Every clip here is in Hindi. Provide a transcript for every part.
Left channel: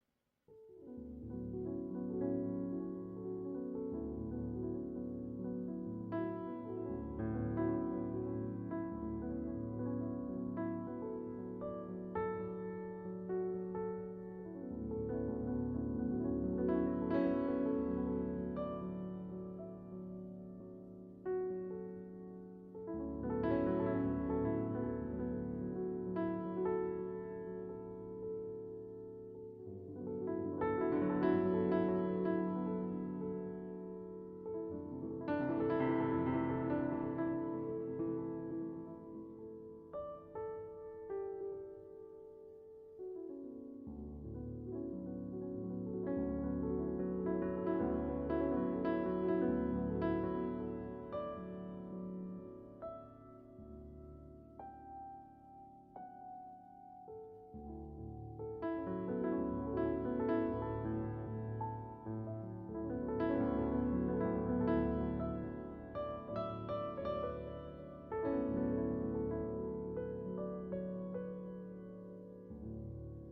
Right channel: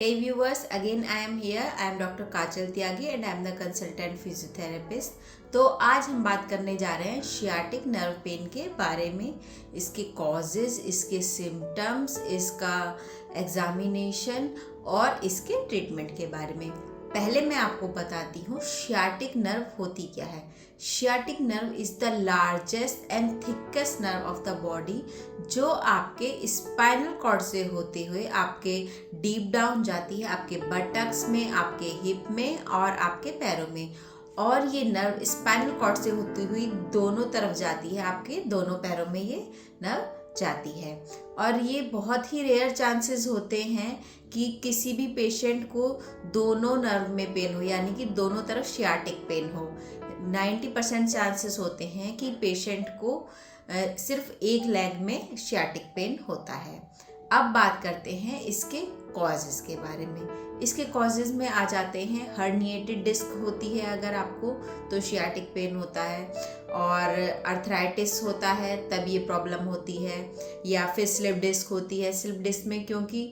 Hey viewers, again I am here. I am Dr. Kajal Tyagi and I am the consultant physiotherapist. तो आज हम बात करने जा रहे हैं शियाटिक नर्व पेन के बारे में, इसके कॉजेज, इसके सिम्टम्स, इसका एग्जामिनेशन और इसके ट्रीटमेंट के बारे में। पहले मैं आपको बताती हूँ शियाटिक नर्व होती क्या है। Sciatic nerve is the largest and thickest nerve of the body, जो आपके स्पाइनल कॉर्ड से होते हुए आपके डीप डाउन जाती है, आपके बटक्स में, आपके हिप में और आपके पैरों में। और ये नर्व स्पाइनल कॉर्ड से होती हुई दोनों तरफ जाती है, आपके दोनों पैरों में ये नर्व जाती है। और ये बहुत ही रेयर चांसेस होते हैं कि किसी भी पेशेंट को दोनों नर्व में पेन हो, यानी कि दोनों तरफ शियाटिक पेन हो। 90% चांसेस होते हैं कि पेशेंट को सिर्फ एक लेग में शियाटिक पेन होता है। अब बात करते हैं इसके कॉजेज़ के बारे में। इसके कॉजेज़ में आ जाते हैं, हर्निएटेड डिस्क होती है अगर आपको, तो शियाटिक पेन होता है। और अर्थराइटिस होता है तब ये प्रॉब्लम होती है। या फिर स्लिप डिस्क होती है। स्लिप डिस्क में क्योंकि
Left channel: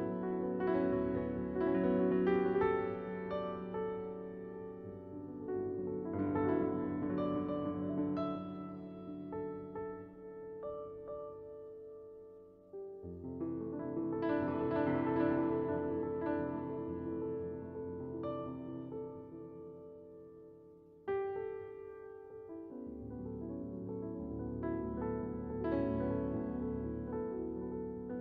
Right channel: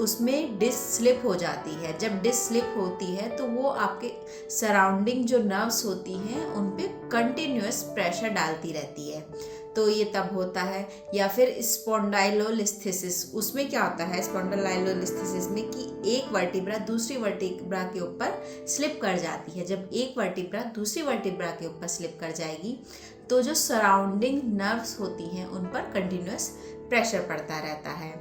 उसमें डिस्क स्लिप हो जाती है, जब डिस्क स्लिप होती है तो वो आपके सराउंडिंग जो नर्व्स होती हैं उन पे कंटिन्यूअस प्रेशर डालती रहती है, तो ये तब होता है। या फिर स्पॉन्डाइलोलिस्थेसिस, उसमें क्या होता है स्पॉन्डाइलोलिस्थेसिस में कि एक वर्टिब्रा दूसरी वर्टिब्रा के ऊपर स्लिप कर जाती है। जब एक वर्टिब्रा दूसरी वर्टिब्रा के ऊपर स्लिप कर जाएगी तो जो सराउंडिंग नर्व्स होती हैं उन पर कंटिन्यूअस प्रेशर पड़ता रहता है।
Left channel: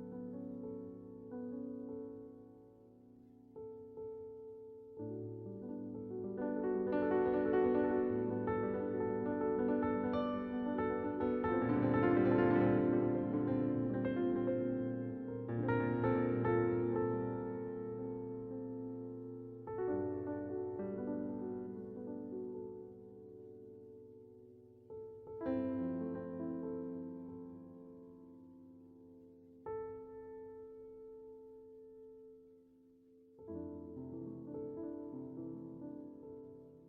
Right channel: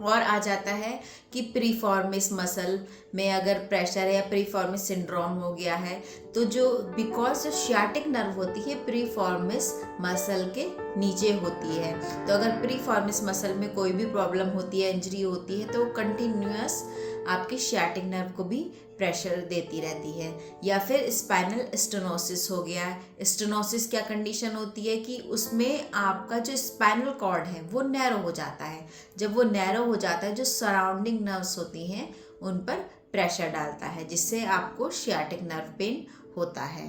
और आ जाता है कि प्रीफॉर्मिस मसल में अगर प्रेशर है या प्रीफॉर्मिस सिंड्रोम हो गया है, तो जो बिकॉज जो शियाटिक नर्व होती है प्रीफॉर्मिस मसल के नीचे होती है, तो अगर प्रीफॉर्मिस मसल में कोई भी प्रॉब्लम होती है, इंजरी होती है, तो कंटिन्यूअस आपके शियाटिक नर्व को भी प्रेशर देती रहती है। या फिर स्पाइनल स्टेनोसिस हो गया। स्टेनोसिस क्या कंडीशन होती है कि उसमें आपका जो स्पाइनल कॉर्ड है वो नैरो हो जाता है। जब वो नैरो हो जाता है, जो सराउंडिंग नर्व्स होती हैं उन पर प्रेशर डालता है, जिससे आपको शियाटिक नर्व पेन होता है।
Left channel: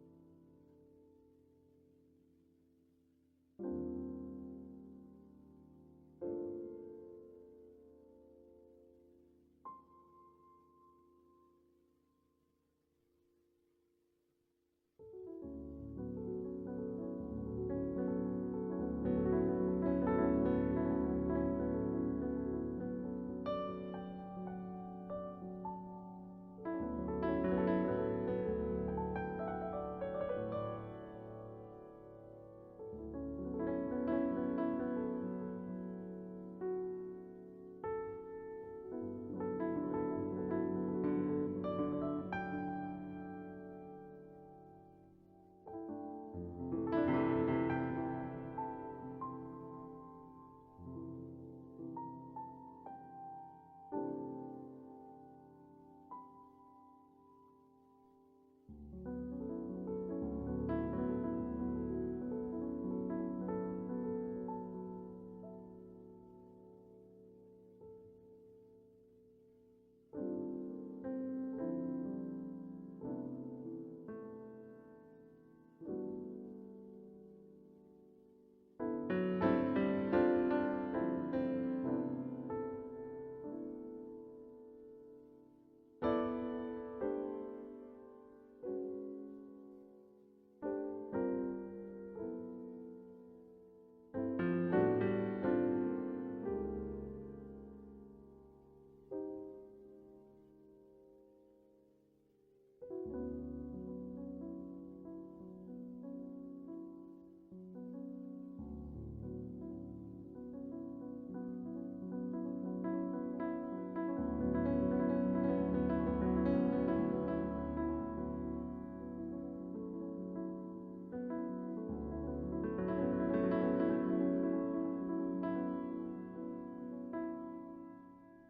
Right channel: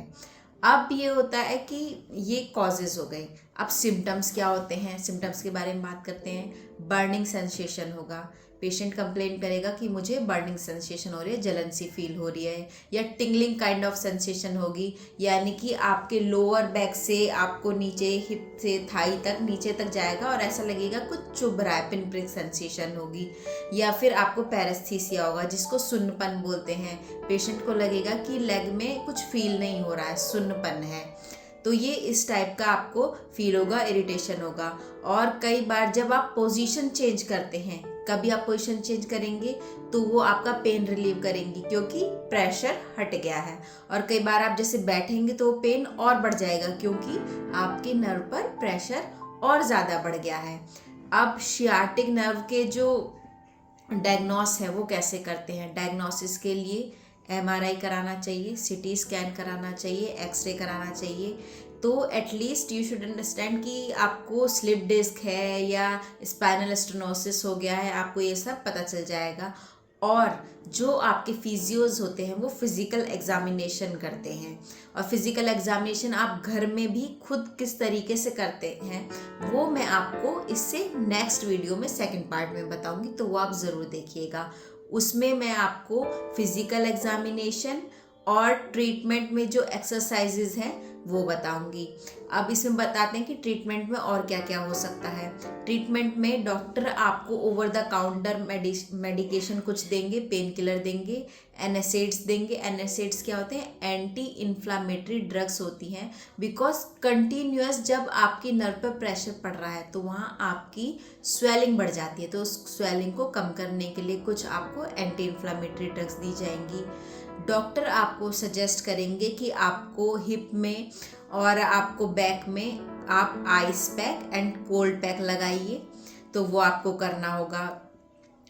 अब ये होता है कि ये कॉजेज हो गए। अब सिम्टम्स क्या होते हैं, सिम्टम्स के बारे में बात करते हैं। बर्निंग सेंसेशन होगा, पेशेंट कंप्लेन करेगा कि मुझे बर्निंग सेंसेशन हो रही है, जलन सी फील हो रही है। या टिंगलिंग काइंड ऑफ सेंसेशन होगी, यानी कि आपके लोअर बैक से आपको नीचे हिप से थाई तक नीचे तक जाएगा और ऐसा लगेगा कुछ चुभ रहा है, पिन प्रिक सेंसेशन होगी। या फिर आपको पैरेस्थीसिया होगा, जिसको सुन्नपन बोलते हैं। पेशेंट को लगेगा कि लेग में कुछ फील नहीं हो रहा है, सुन्नपन है, तो ये इस टाइप का आपको फील होगा, इरिटेशन होगा। और कई बार जब आप पोजीशन चेंज करते हैं, कभी आप पोजीशन चेंज करेंगे तो वो आपका पेन रिलीव करेंगी क्योंकि प्रेशर हट गया है। और कई बार आप जैसे बैठेंगे तो पेन और बढ़ जाएगा क्योंकि आपके नर्व पर प्रेशर और ज़्यादा बढ़ गया है। अब शियाटिक नर्व के जो डायग्नोस है वो कैसे करते हैं। डायग्नोसिस के लिए एमआरआई कराना चाहिए, सीटी स्कैन कराना चाहिए, एक्सरे कराना चाहिए। तो एटलीस्ट यू शुड अंडरस्टैंड कि आपको स्लिप डिस्क है या स्पाइनल स्टेनोसिस हो गया है, आपको ये सब पता चल जाएगा। और जो आपके फिजियोज होते हैं वो फिजिकल एग्जामिनेशन करते हैं, और फिजिकल एग्जामिनेशन आप घर में भी खुद किस तरीके से करते हैं वो मैं आपको इससे नेक्स्ट वीडियो में सेकंड पार्ट में बताऊंगी, तो वो आप ज़रूर देखिएगा। उसमें मैं आपको फिजिकल एग्जामिनेशन और ट्रीटमेंट में जो एक्सरसाइजेज हैं वो बताऊंगी। अब इसमें बताते हैं कि ट्रीटमेंट में और क्या क्या हो सकता है। ट्रीटमेंट में डॉक्टर आपको ओवर द काउंटर मेडिकेशन कुछ देंगे, पेन किलर देंगे, एनासिड्स देंगे। एनासिड्स क्या होते हैं, एंटी इन्फ्लामेटरी ड्रग्स होती हैं, बिकॉज कंटिन्यूअस जब आपकी नर्व पर प्रेशर पड़ रहा है तो वहाँ आपकी स्वेलिंग बढ़ जाती है, तो उस स्वेलिंग को कम करने के लिए कुछ आपको एंटी इन्फ्लामेटरी ड्रग्स दी जाएंगी। डॉक्टर आपको सजेस्ट करेंगे कि आपको हिप में और आपको बैक में आप ice pack and cold pack लगाइए, तो वो आपको करना होगा।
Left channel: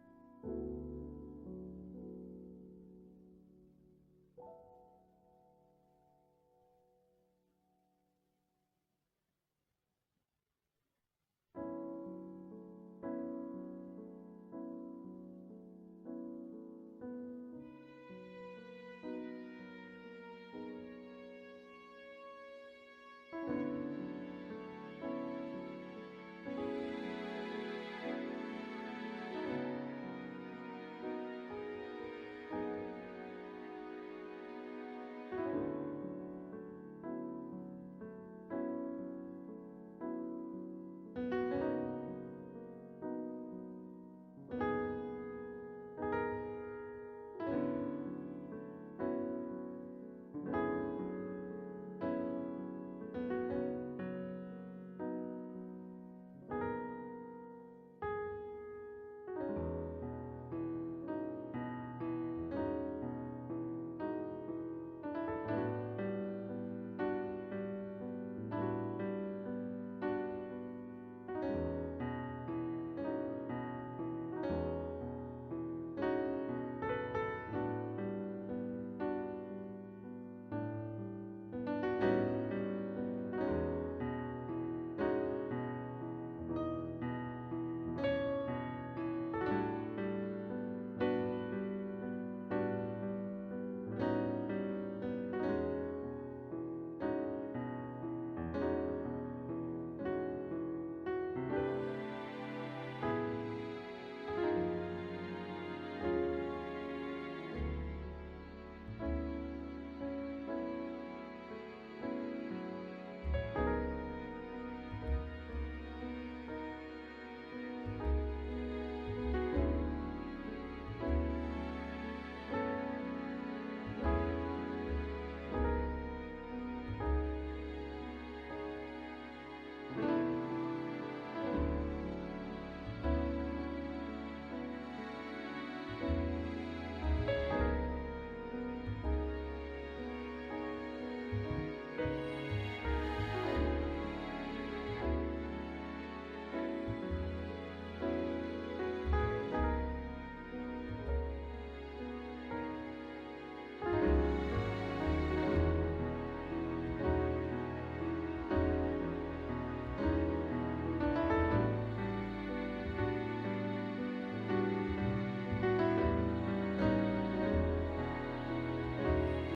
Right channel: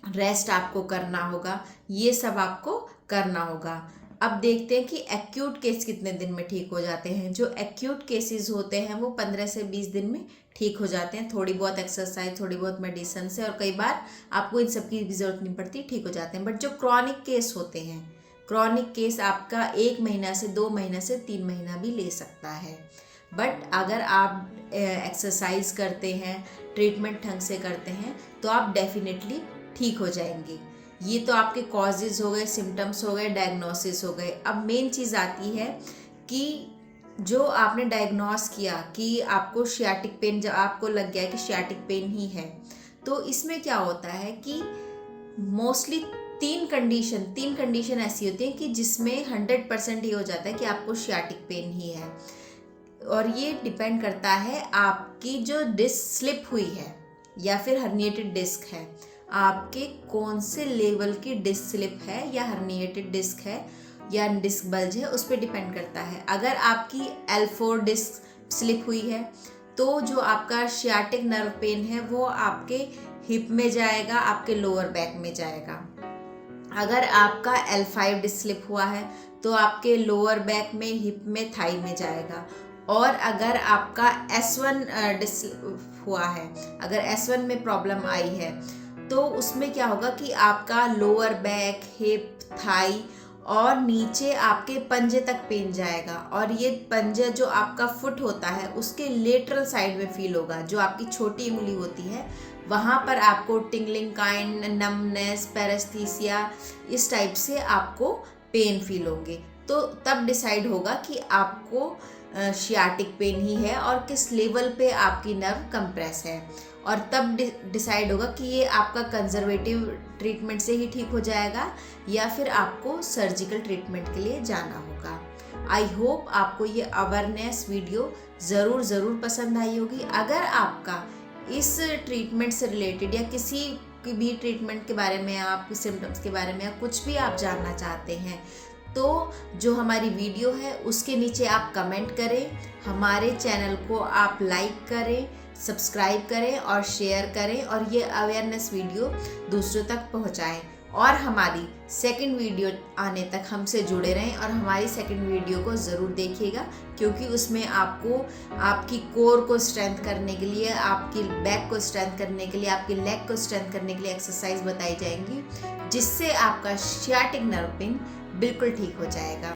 रेस्ट आपको करना होगा, ये सब आपको करना होगा। अब देखते हैं कि एक्यूट केस कितने दिन में ठीक हो जाते हैं। जो एक्यूट केसेस होते हैं वो 15 से 20 दिन में ठीक हो जाते हैं, थोड़ी बहुत एक्सरसाइज, थोड़ी बहुत मेडिसिन से, और कई बार आपको इन सब की जरूरत नहीं पड़ती, ठीक हो जाते हैं। बट जो क्रॉनिक केस होते हैं, क्रॉनिक केस आपका 1 महीना से 2 महीना से 3 महीना भी ले सकता है। बट अगर आप एक्सरसाइज करते हैं, ट्रीटमेंट ढंग से करते हैं, तो आप डेफिनेटली ठीक हो जाएंगे। ये तो आपके कॉजेज हो गए, सिम्टम्स हो गए, डायग्नोसिस हो गए। अब मेन चीज़ आती है कि जो आपने डायग्नोस किया कि आपको शियाटिक पेन, जब आपको लग गया कि शियाटिक पेन ही है, तो इसमें क्या होता है कि मोस्टली तीन कंडीशन ऐसी होती है कि जिसमें 100% ये हो जाता है कि आपको शियाटिक पेन ही है। और ये डिपेंड करता है आपकी जो डिस्क स्लिप हुई है या फिर हर्निएटेड डिस्क है, आपके कौन से लेवल की डिस्क स्लिप है या हर्निएटेड डिस्क है या डिस्क बल्ज है, उस पर डिपेंड करता है। अगर आपकी L4 डिस्क स्लिप हुई है तो जो आपका शियाटिक नर्व पेन है वो आपके हिप में जाएगा, आपके लोअर बैक में जाएगा। अगर आपका L5 डिस्क स्लिप हुआ है तो आपके लोअर बैक में, हिप में, थाई में जाएगा। और अगर आपका S1 डिस्क हुआ है, अगर S1 में प्रॉब्लम आई है तो उसमें क्या होगा कि आपका लोअर बैक, हिप, थाई और नीचे आपके पंजे तक पेन जाएगा। और ये पंजा जो आपका फुट होता है उसके लेटरल साइड में फील होगा, जो आपकी छोटी उंगली होती है वहाँ पर आपको टिंगलिंग काइंड, नमनेस, पैरेस्थीसिया, इस टाइप से आपको पेन फील होंगे। तो तब डिसाइड होगा कि आपको शियाटिक पेन ही है और किस लेवल पे आपकी नर्व कंप्रेस है। और तब डिसाइड होगा कि ये आपका कंजर्वेटिव ट्रीटमेंट से ही ठीक हो जाएगा या फिर आपको सर्जिकल ट्रीटमेंट के लिए जाना होगा। आई होप आपको ये अवेयरनेस वीडियो ज़रूर पसंद आई होगी। अगर आपका इस ट्रीटमेंट से रिलेटेड या किसी भी ट्रीटमेंट के बारे में, आप सिम्टम्स के बारे में या कुछ भी आप जानना चाहते हैं तो जो हमारी वीडियो है उसके नीचे आप कमेंट करें, हमारे चैनल को आप लाइक करें, सब्सक्राइब करें और शेयर करें और ये अवेयरनेस वीडियो दूसरों तक पहुंचाएं। और हमारी सेकंड वीडियो आने तक हमसे जुड़े रहें और हमारी सेकंड वीडियो को ज़रूर देखिएगा, क्योंकि उसमें आपको आपकी कोर को स्ट्रेंथ करने के लिए, आपकी बैक को स्ट्रेंथ करने के लिए, आपकी लेग को स्ट्रेंथ करने के लिए एक्सरसाइज बताई जाएंगी, जिससे आपका शियाटिक नर्व पेन बिल्कुल ठीक हो जाएगा।